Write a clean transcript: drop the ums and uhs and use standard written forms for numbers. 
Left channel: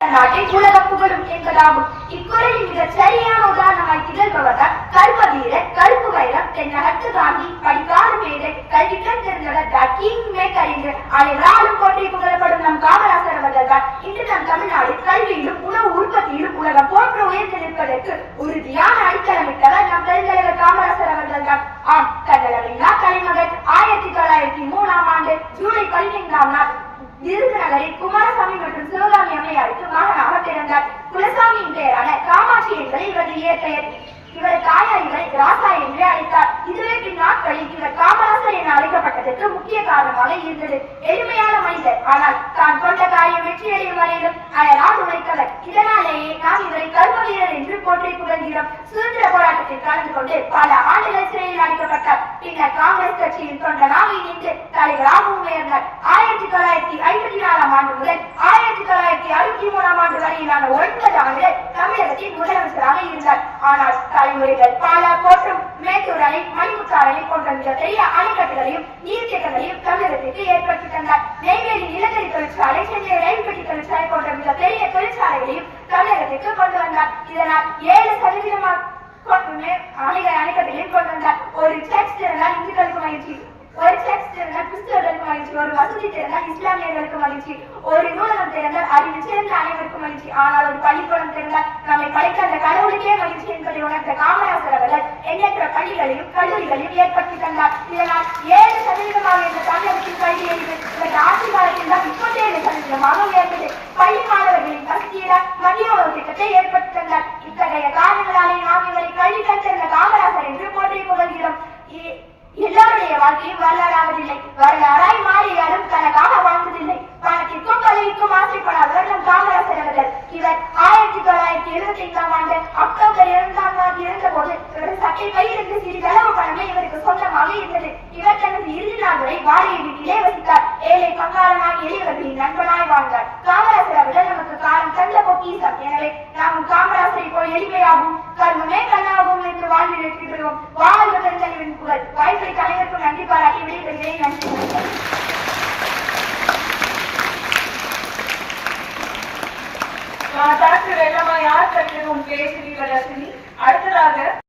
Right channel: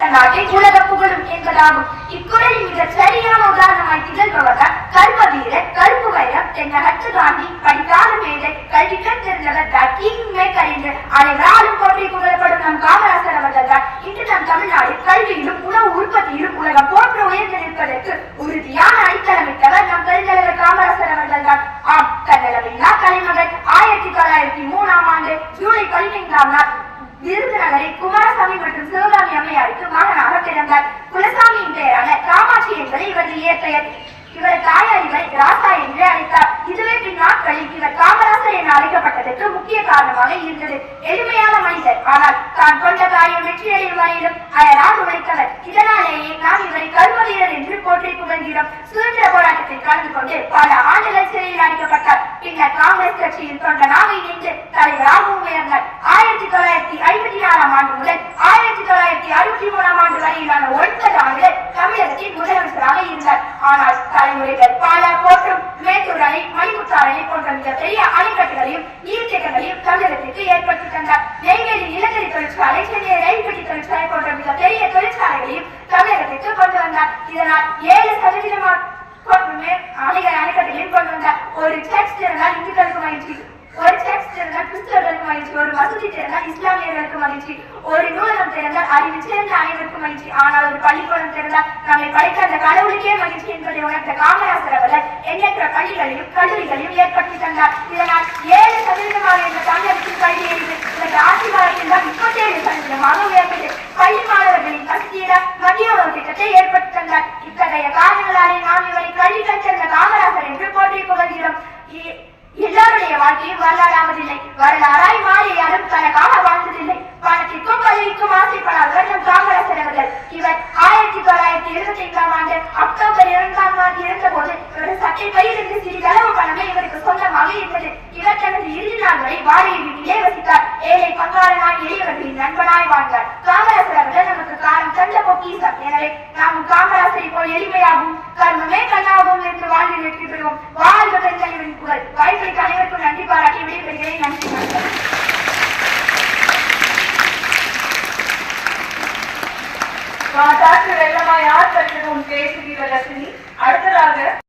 நாட்டை உலக புகழும் என்பதாகும். இக்குறளின் மிக சரியான உதாரணமாய் திகழ்பவர்கள் கர்ம வீரர், கருப்பு வைரம், தென்னகத்து காந்தி, படிக்காத மேதை, கல்விக்கண் தெரிந்தவர், தீமை கழிந்து அனைவராலும் போற்றி புகழப்படும் நம் காமராசர் அவர்கள் தான் இன்று நம் தமிழ்நாடு கல்வியிலும் உணவு உற்பத்தியிலும் உலகம் போன்று உயர்ந்து நிற்பதற்கு உறுதியான அடித்தளமிட்டவர் நம் பெருந்தலைவர் காமராசர் அவர்கள் தான். ஆம், கன்னடமில்லா கலைமகள் 1903 ஜூலை 15 விருதுநகரில் குமாரசாமி மற்றும் சிவகாமி அம்மையாருக்கு மகனாக பிறந்தார். குலசாமியின் பெயரான காமாட்சி என்பது இவரது இயற்பெயர். இவர் தாயார் இவரை ராசா என்று அழைத்தார். இதுவே பின்னாட்களில் இவர் காமராசர் என அழைக்கப்பட்டதற்கு முக்கிய காரணமாக இருந்தது. எளிமையான மனிதர், ஆனால் தான் கொண்ட காரியம் வெற்றியடையும் வரையிலும் அயராது உழைத்தவர். இதனாலேயே நாம் இவரை கர்ம வீரர் என்று போற்றி புகழ்கிறோம். சுதந்திர போராட்டத்தில் கலந்து கொண்டு பல ஆண்டுகள் சிறையில் அடைக்கப்பட்டார். பின்னர் காங்கிரஸ் கட்சியில் தொண்டனாக இணைந்து தலைவராகவும் உயர்ந்தார். 1954 முதல் 1963 வரையிலான 9 ஆண்டுகள் தமிழகத்தின் முதலமைச்சராக இருந்தார். ஆனால் தலைமுறைகள் பல போற்றும் மேட்டூர் அணை, மணிமுத்தாறு அணை போன்ற மிகப்பெரிய அணைக்கட்டுகளையும் நீர்த்தேக்கங்களையும் தமிழகத்திற்கு ஏற்படுத்தி தந்தார். நெய்வேலி நிலக்கரி தொழிற்சாலை, சென்னை ரயில் பெட்டி தொழிற்சாலை போன்ற மிகப்பெரிய தொழிற்சாலைகளையும் தமிழகத்திற்கு கொண்டு வந்தார். இதனால் 7% அணைக்கட்டுகளையும் கொண்டு வந்தார். ஒரு செக்ஸ் இருந்தால் இந்துக்களுக்கு மகிழ்ச்சி, ஒரு செக்ஸ் திறந்தால் கிறிஸ்தவர்களுக்கு மகிழ்ச்சி, ஒரு மசூதி திறந்தால் இஸ்லாமியர்களுக்கு மகிழ்ச்சி, ஒரு நூலகம் திறந்தால் அறிவு சிறந்த அனைவருக்கும் மகிழ்ச்சி. ஆனால் ஒரு பள்ளிக்கூடம் திறந்தால் நம்மை படைத்த அந்த கடவுளுக்கே மகிழ்ச்சி என்பதை உணர்ந்த காமராசர் அவர்கள் எண்ணற்ற பள்ளிகளையும் கல்லூரிகளையும் ஏற்படுத்தி தந்தார். இதனால் 7% என்ற தமிழகத்தின் கல்வி எரிவு இவரது ஆட்சி காலத்தில் தான் 37% உயர்ந்தது. பள்ளி மாணவர்களின் பசியில மத்திய உணவு திட்டத்தை ஏற்படுத்தி தந்தார். இத்தகைய காரணங்களாலே நாம் இவரை கல்வி கற்ற காமராசர் என்று போற்றி புகழ்கிறோம். எல்லாருடைய வாழ்க்கையும் வரலாறாவதில்லை. வரலாறாய் மாறி யாரும் தனக்காக வாழ்ந்ததில்லை. பணத்திற்கும் பதவிக்கும் ஆசைப்படாதவர் நம் காமராசர் அவர்கள். இவர் 1975 அக்டோபர் 2 இறந்த போது இவரது சட்டை பையிலிருந்து சிறிதளவு பணமே இவருக்கு சொந்தமாக இருந்தது. இவர் தனது இறுதி நாள் வரை வாடகை வீட்டிலே வசித்தார். ஏழை பங்காளனாய் எளியவர்களின் நண்பனாய் வாழ்ந்தார். காமராசர் அவர்கள் நமக்கு காலம் தந்த பொக்கிஷம். எனவே நாம் காமராசரை போல் எளிமையாகவும் கர்மமே கண்ணாகவும் என்று வாழ்ந்து வெற்றி பெறுவோம். வாழ்க பெருந்தலைவரின் புகழ். வாய்ப்பைக்கு அனைவருக்கும் நன்றி பாராட்டி விடைபெறுகிறேன். நன்றி. வெள்ளமா யார் கற்று பேசுகிறீர்கள்? அடுத்ததாக